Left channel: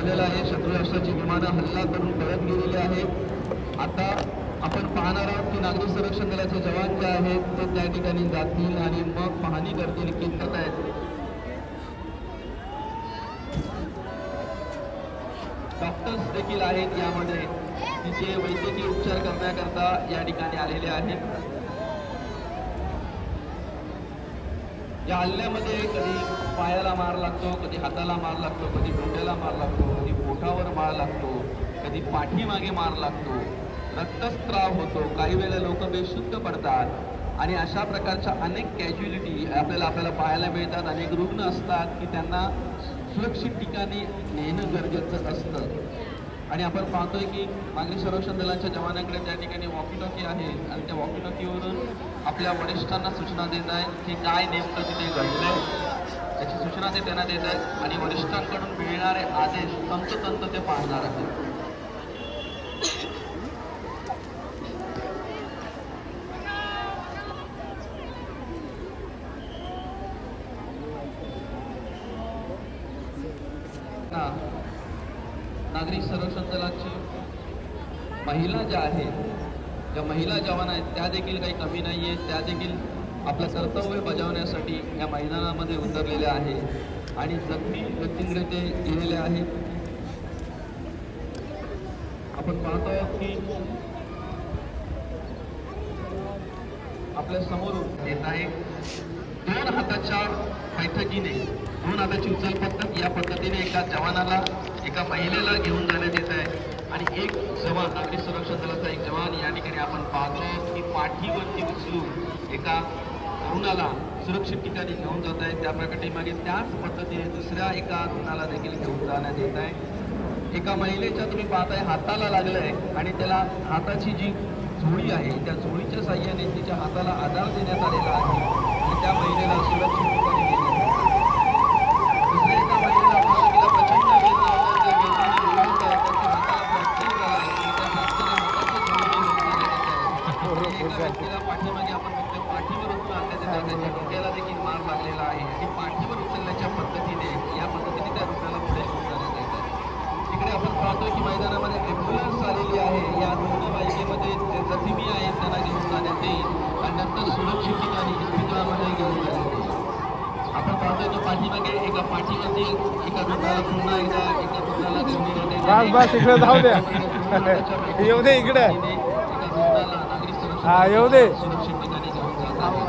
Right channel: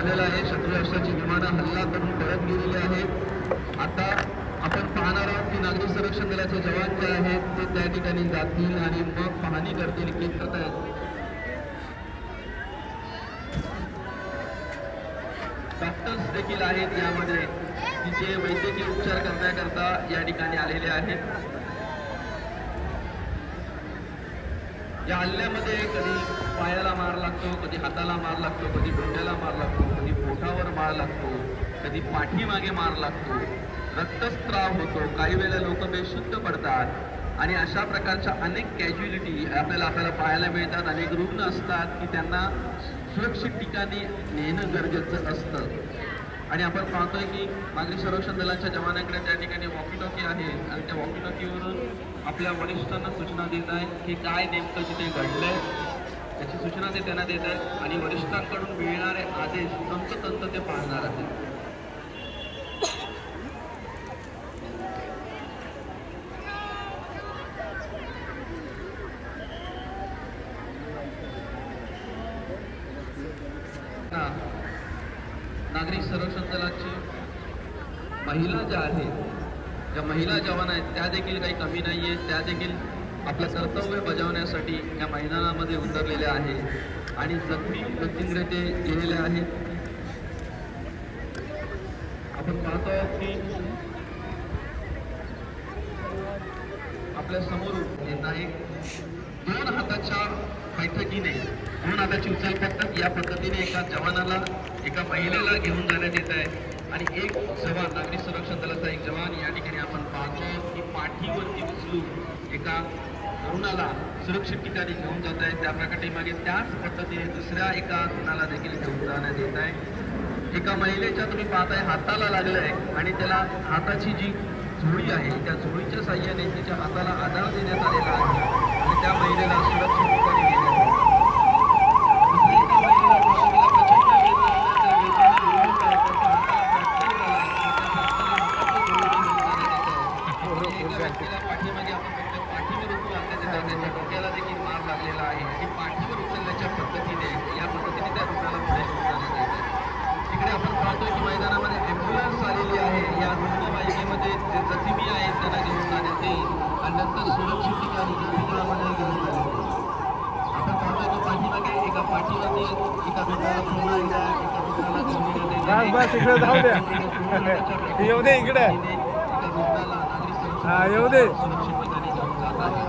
झालेला आहे. शत्रू राष्ट्राची विमानं हल्ला करून पळत गेलेली आहेत. आता आपण पाहणार आहोत की नागरी संरक्षण दलाचे जवान जे आहेत ते त्या ठिकाणी जातील आणि मग पाहणी करतील की करतायत. डॉक्टर्स देखील आहेत यामध्ये तिचे वैद्यकीय उपचार करण्याकरता या ठिकाणी आलेले आहेत. या हल्ल्यामध्ये कधी पायाला मार लागतो, कधी हाताला मार लागतो, कधी डोक्याला मार लागतो, कधी पोटावर मार लागतो, कधी पाठीमागे मार लागतो, रक्तस्त्राव होतो, काही वेळेला लोक बेशुद्ध पडतात आणि अशा प्रकारच्या अनेक कॅज्युअलिटी आपल्याला पाहायला मिळतात. अनेक रुग्ण असतात की त्यांना सुरक्षित ठिकाणी नेणं गरजेचं असतं आणि आपण पाहतोय की नागरी संरक्षण दलाच्या जवानांकडे त्या ठिकाणी वॉकी टॉकी आहे आणि त्या वॉकी टॉकीवरून आपल्या वरिष्ठांना सूचना देत आहे की काय नेमकं तिथे घडलंय त्याची सूचना ते त्यांना देत आहेत आणि वरिष्ठांकडून मिळणारे आदेश तंतोतंत ते पाळणार आहेत. नागरिक संरक्षण दलाची महिला ज्या आहेत, ज्या महिला जवान आहेत त्या देखील काही कमी नाही आहेत. त्या देखील आपलं कर्तव्य बजावण्यासाठी या मैदानामध्ये उतरलेल्या आहेत आणि जखमी व्यक्तींकडे ते गेलेले आहेत. आपण पाहतो की आपल्या समोर येत आहे दोन हाताच्या बैठकीने, दोन हाताची उचल पद्धत या पद्धतीने एका जवानाला, एका महिलेला घेऊन जाण्यात येत आहे आणि एक जवान, नागरी संरक्षण दलाचा एक जवान या ठिकाणी आपण पाहतो की पाठीवरती उचलून एका तरुणाला सुरक्षित ठिकाणी घेऊन जात आहे. त्या प्रकारे मागे त्याच पद्धतीने दुसऱ्या एका तरुणाला देखील घेऊन जाण्यात येत आहे. एका महिलेच्या तुम्ही पाहताय हाताला लागलंय आणि त्याला हाताची जी झोळी आहे त्या झोळीच्या साह्याने तिच्या हाताला आधार देण्यात आलेला आहे आणि त्या महिलेला सुरक्षित ठिकाणी नेण्यात पाठीमागे आपण बघतो पाठीवर उचलून डोक्याला देखील मार लागलेला आहे आणि पाठीवर उचलण्याच्या पद्धतीने या पद्धतीने त्या रुग्णाला पुढे घेऊन जाण्यात येत आहे. तिकडे आपण पाहतोय की मैदानामध्ये ॲम्ब्युलन्स आलेली आहे. या रुग्णवाहिकेमध्ये जे जखमी आहेत त्यांना घेऊन जाण्यात येईल आणि नंतर सुरक्षित ठिकाणी इस्पितळामध्ये घेऊन जाण्यात येईल. आपण पाहतोय की पाठीमागे एका पाठीमध्ये एका रुग्णाला पुन्हा एकदा एका रुग्णाला घेऊन सुरक्षित ठिकाणी घेऊन जात आहे.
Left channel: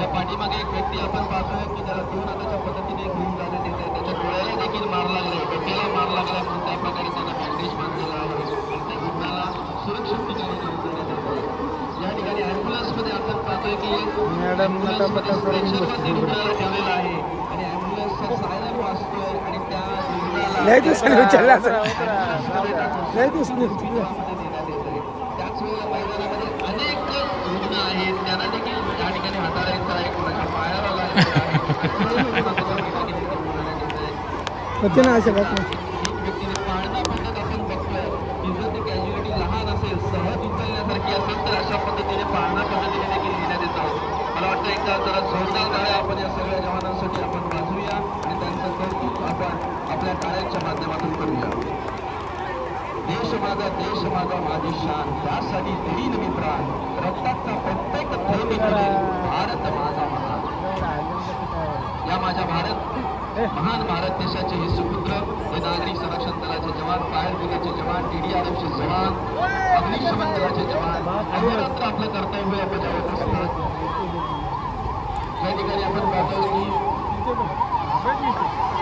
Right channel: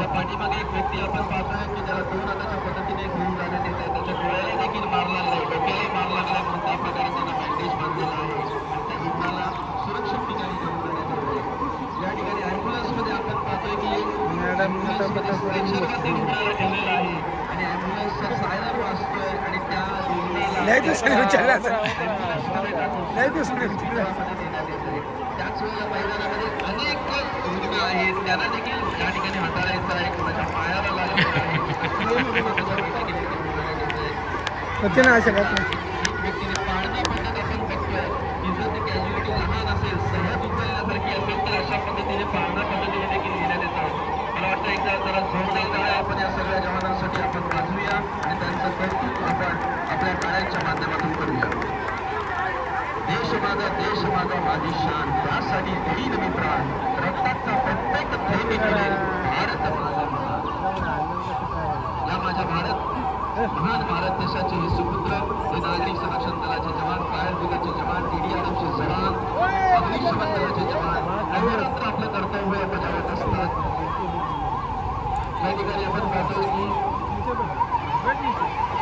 या पाठीमागे एक व्यक्ती आपण पाहतोय की त्याला दोन हाताच्या पद्धतीने घेऊन जाण्यात येत आहे. त्याच्या डोळ्याला देखील मार लागलाय, डोक्याला मार लागलाय, कोणत्याही प्रकारे त्यांना बँडेज बांधलेला आहे आणि त्या रुग्णाला सुरक्षित ठिकाणी घेऊन जाण्यात येत आहे. या ठिकाणी ॲम्ब्युलन्समध्ये आपण पाहतोय की ॲम्ब्युलन्समध्ये स्ट्रेचरवरती रुग्णाला ठेवलेला आहे आणि ॲम्ब्युलन्सचा सायरन वाजतोय आणि त्या रुग्णाला त्याच वेळेला मैदानामध्ये अनेक रुग्ण आहेत त्यांना देखील त्या ठिकाणी हाताळायचं आहे, कोणाच्या पायाला लागलेलं व्यक्तीने पाळणा पद्धत आपण बघतोय की जर ती कॅज्युअलिटी लहान असेल, सहज उचलण्यासारखी असेल तर अशा पद्धतीने पाळणा पद्धतीने देखील घेण्यात येतो. मला वाटतं एकदा जरा जोरदार आपण या सगळ्या जवानांसाठी आपण वाजूया आणि त्यांचं कौतुक आपण आपल्या टाळ्यांच्या माध्यमातून करूया. देश माझा माझी शान, त्यासाठी देईन मी प्राण, रक्ताचा प्रत्येक थेंब मिळेल, भारत माझा महान. या माझ्या महान भारत देशाचे हे सुपुत्र, हे नागरी संरक्षण दलाचे जवान, फायर ब्रिगेडचे जवान, TDRFचे जवान, अग्निशमन दलाचे जवान अहोरात्र आपलं कर्तव्य बजावत असतात. या ठिकाणी आपण पाहतो की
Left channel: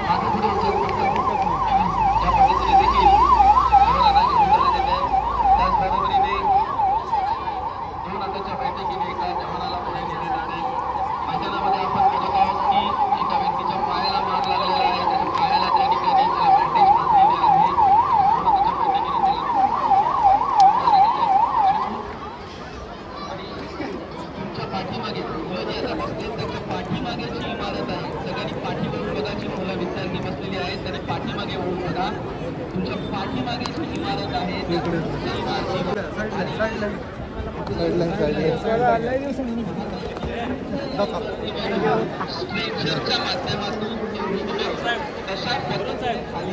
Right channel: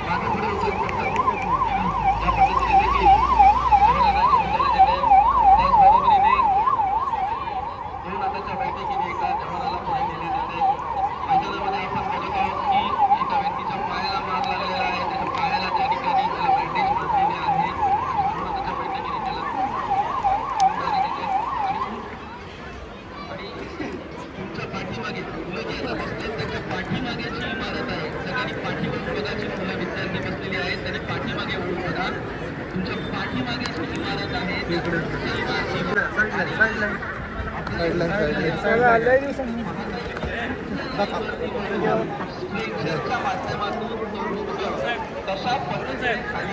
मागे पुढे उचल पडतात या पद्धतीने देखील बैठकीने एका जवानाला पुढे नेण्यात येते. मैदानामध्ये आपण बघत आहोत की एका व्यक्तीच्या पायाला मार लागलेला आहे, त्याच्या पायाला त्या ठिकाणी त्याला बँडेज बांधलेले आहे. त्याच्या बैठकीने आणि तुमच्या पाठीमागे मुलं जी आता बसले त्याच्या पाठीमागेची इमारत आहे. सगळ्यांनी पाठीवर बघायची, मुलं विद्यार्थी बसलेली आहेत त्यांनी पाठीमागे होऊन बघा. तुमच्या पाठीमागेची इमारत आहे माध्यमातून कशा खाली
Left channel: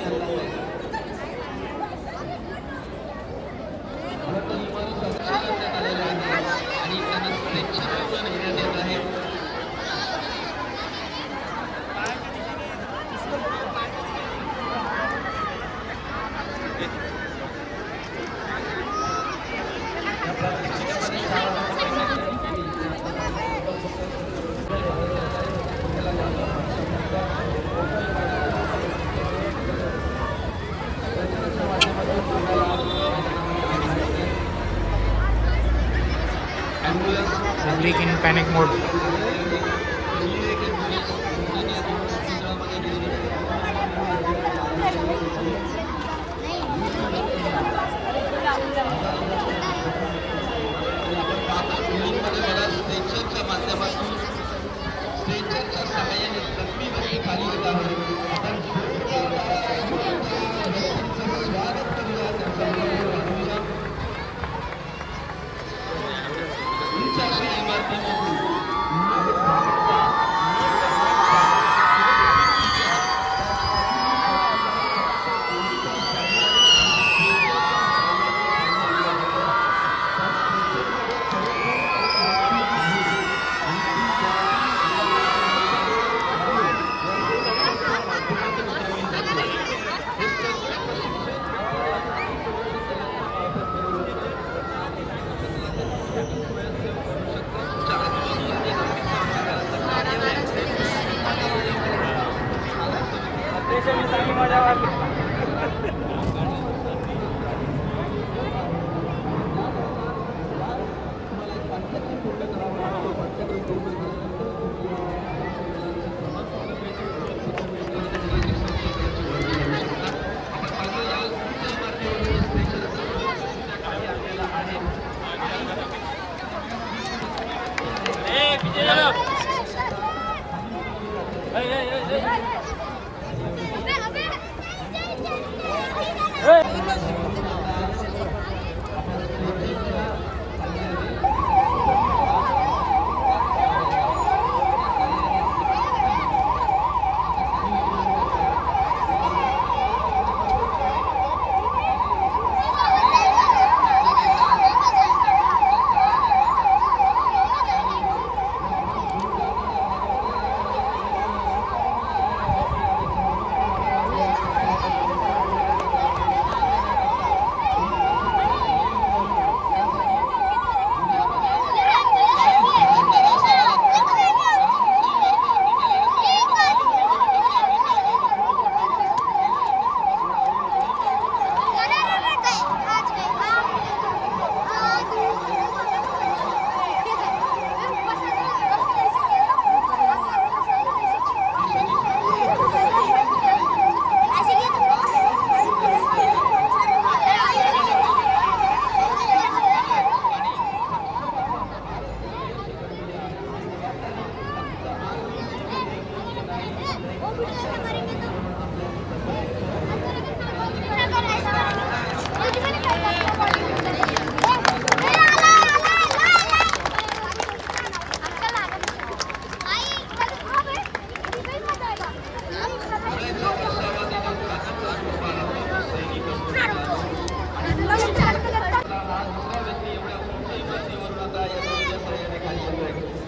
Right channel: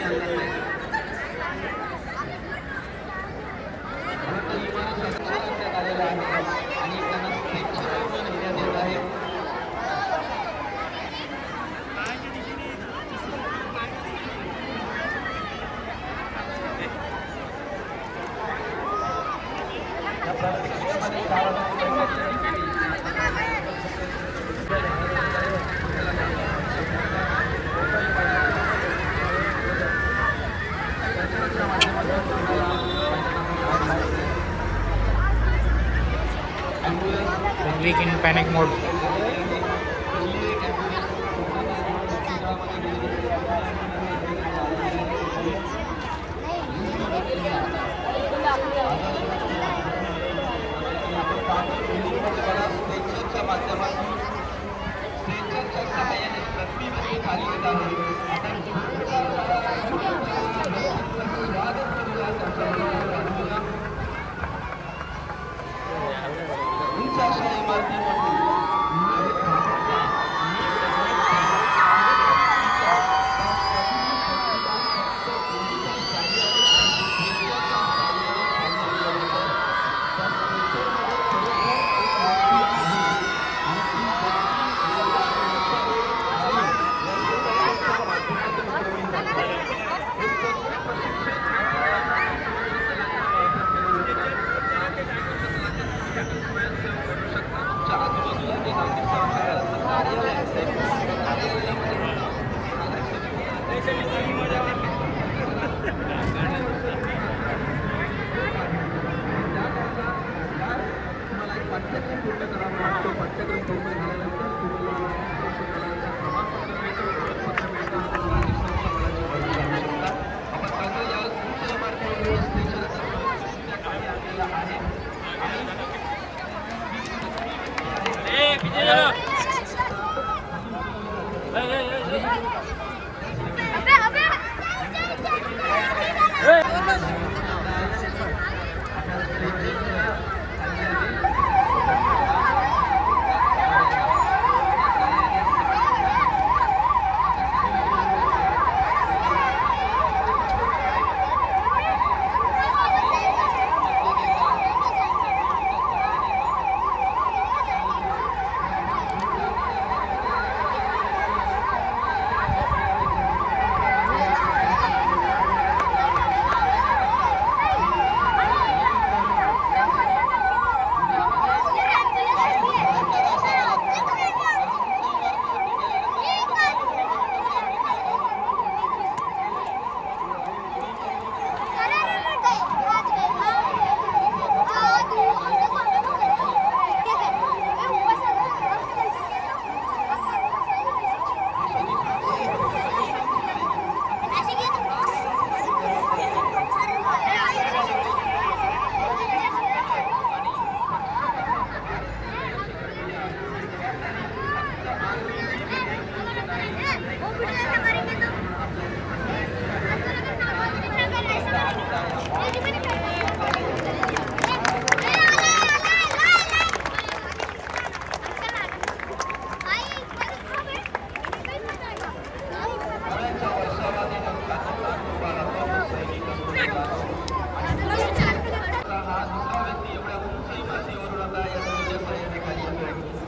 क्लिक इन पॅनिक मोड.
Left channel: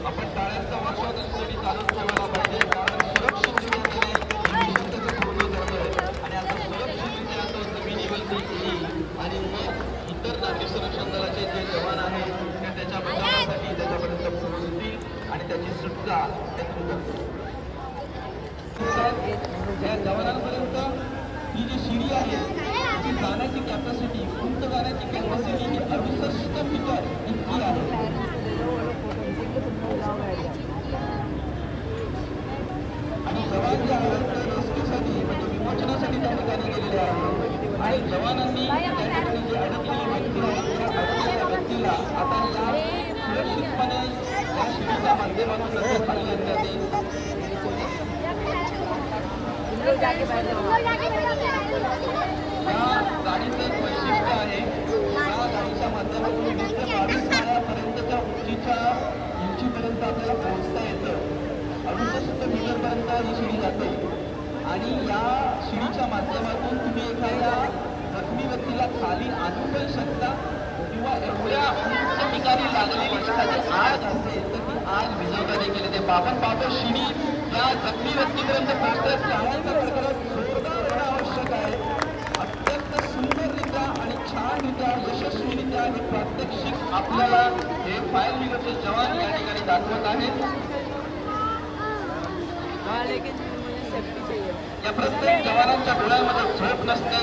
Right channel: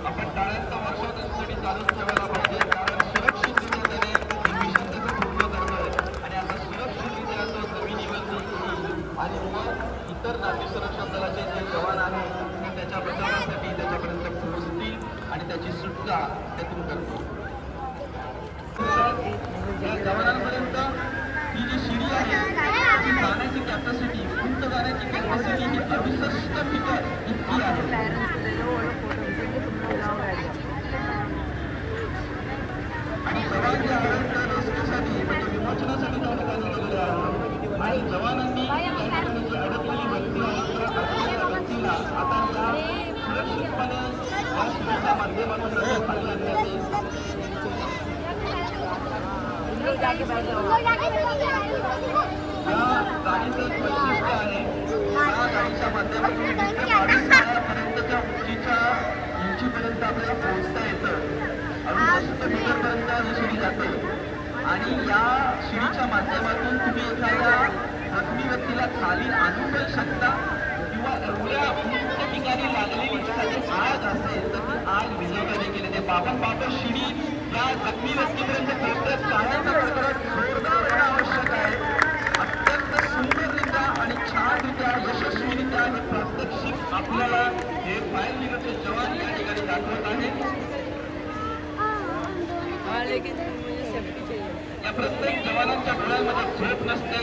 आपण टाळ्यांचा वर्षाव त्याच्यासाठी चालू ठेवायला पाहिजे, कारण सुरक्षितरित्याने मिशन त्याचं पूर्ण करतोय आणि आता सुरक्षितरित्या तो जमिनीवरती येईल आणि मग इतर जाती संरक्षण दलाचे जे जवान आहेत ते त्याच्या बचावासाठी त्याच्यापर्यंत पोहोचतील आणि त्याची सुटका त्यातून करतील. या जवानांपर्यंत ही जी शिडी आहे ती जाण्याची कॅपॅसिटी, उंच जाण्याची कॅपॅसिटी ही 68 मीटर इतकी आहे. आणि जवान जे आहेत त्या रेस्क्यूसाठी म्हणजे विमोचनासाठी त्या ठिकाणी गेलेले आहेत आणि जवानांनी त्या ठिकाणी जी अडकलेली व्यक्ती आहे त्या अडकलेल्या व्यक्तीला आता सुरक्षितपणे या शिडीच्या माध्यमातून खाली आणण्यात येईल. या गाडीचं एक वैशिष्ट्य आहे, या गाडीच्या माध्यमातून 20 ते 22 मीटरपर्यंतच्या उंचीपर्यंत आपल्याला पोहोचता येतं. 68 मीटरपर्यंत ही शिडी जाते आणि या शिडीच्या माध्यमातून तुम्ही एखाद्या जखमी व्यक्तीला खाली आणू पण शकता किंवा एवढ्या उंच ठिकाणी लागलेली एखादी आग असेल तर ती आग विझवता देखील येते. बाबा शिडी या जखमी व्यक्तीपर्यंत पोहोचण्यात टाळ्यांचा कडकडाट जोरदार होणं आवश्यक आहे. अत्यंत सुंदररित्या आणि छानरित्या यशस्वीरित्या हे प्रात्यक्षिक आपल्याला हे फायर ब्रिगेडचे जवान या ठिकाणी दाखवत आहेत. या प्रत्येक जवानांच्या डोळ्यामध्ये झोप नसते.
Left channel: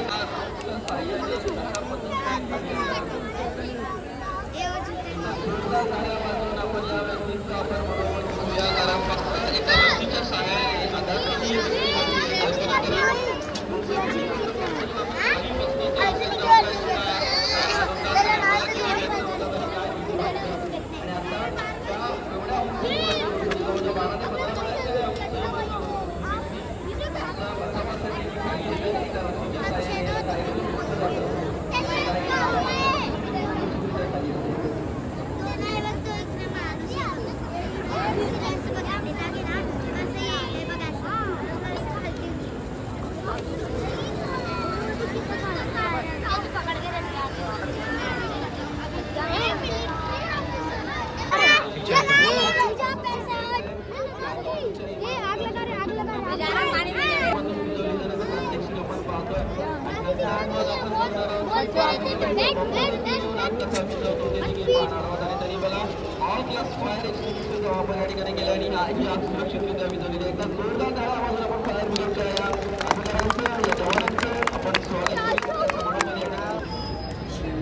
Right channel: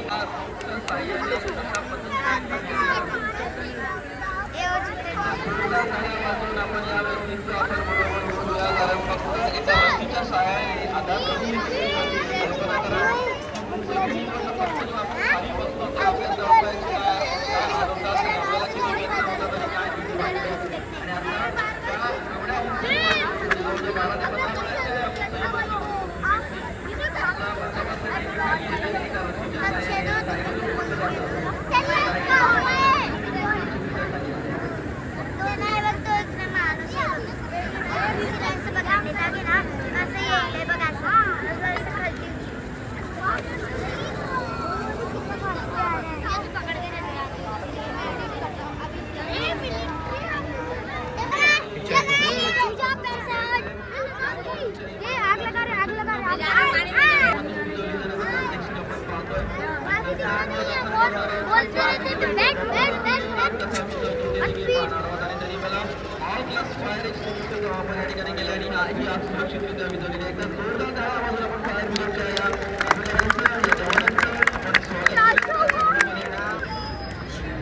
सुरक्षितरित्या विजवलेली एकदा जोरदार टाळ्या वाजवून आपण फायर ब्रिगेडच्या या अधिकाऱ्यांचं या जवानांचं आपण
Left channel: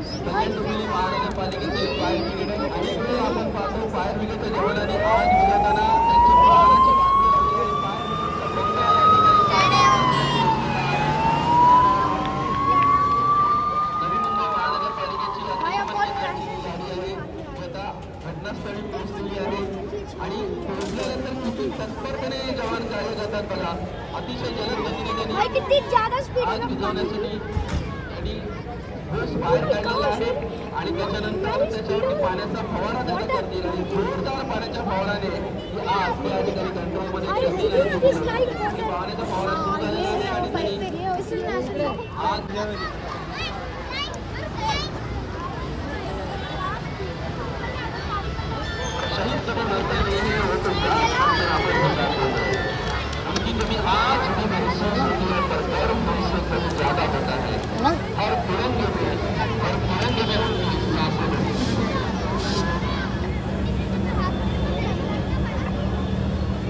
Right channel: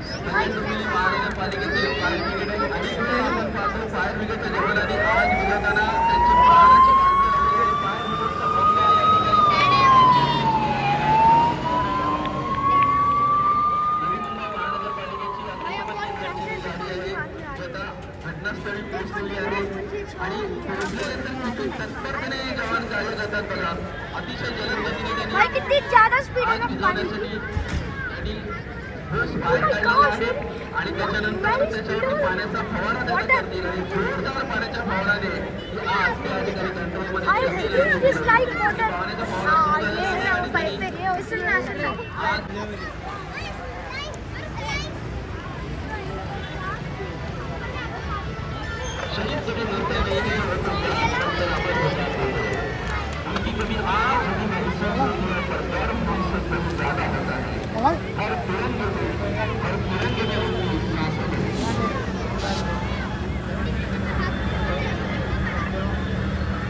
स्वागत महानगरपालिकेचे फायर ब्रिगेड आणि पुढे आपण पाहतो फायर ब्रिगेडच्या जवानांनी आज विजयताना त्यांची प्राणाची घटनास्थळी पोहोचलेली आहे आणि पोहोचल्यानंतर तत्परतेने जवान कार्य करतात बघा. अतिशय जलद गतीने त्यांनी आग विझवण्यासाठी त्यांनी ठोस बाहेर काढलेला आहे आणि त्याच्यानंतर त्याच्यावरती पाण्याचा फवारा त्यांना करतील आणि जोरदार पाण्याच्या फवाराने ही आग त्या ठिकाणी कंट्रोलमध्ये करतील आणि पाण्याचा फवारा सुरू झालेला आहे आणि त्यांनी आग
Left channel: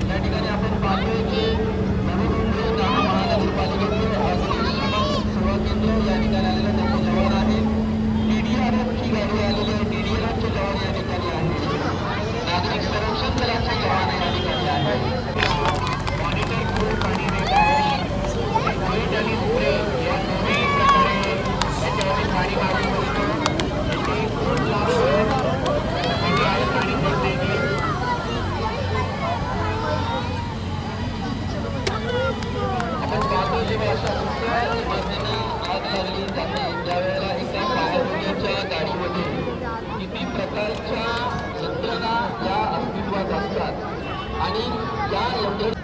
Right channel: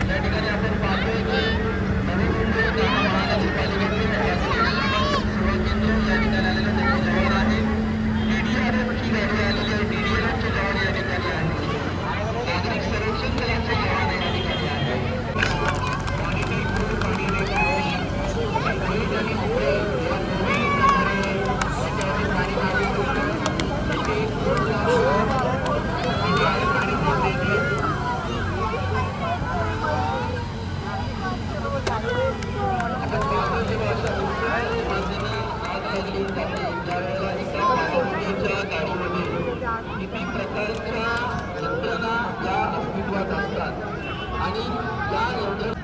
या ठिकाणी आपण पाहतोय की नवी मुंबई महानगरपालिकेचे सेवा केंद्र या ठिकाणी आलेलं त्यांचे जवान आहे. TDRF ची गाडी आलेली आहे. TDRF चे जवान या ठिकाणी आहे. नागरिक संरक्षण दलाचे जवान या ठिकाणी आहेत. किती प्रकारच्या यंत्रणा या अस्तित्वात असतात आणि या यंत्रणा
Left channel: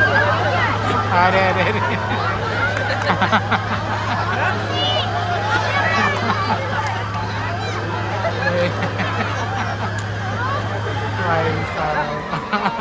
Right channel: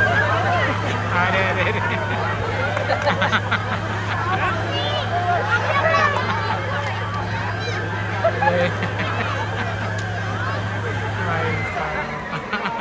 अरे अरे अरे भाई साहब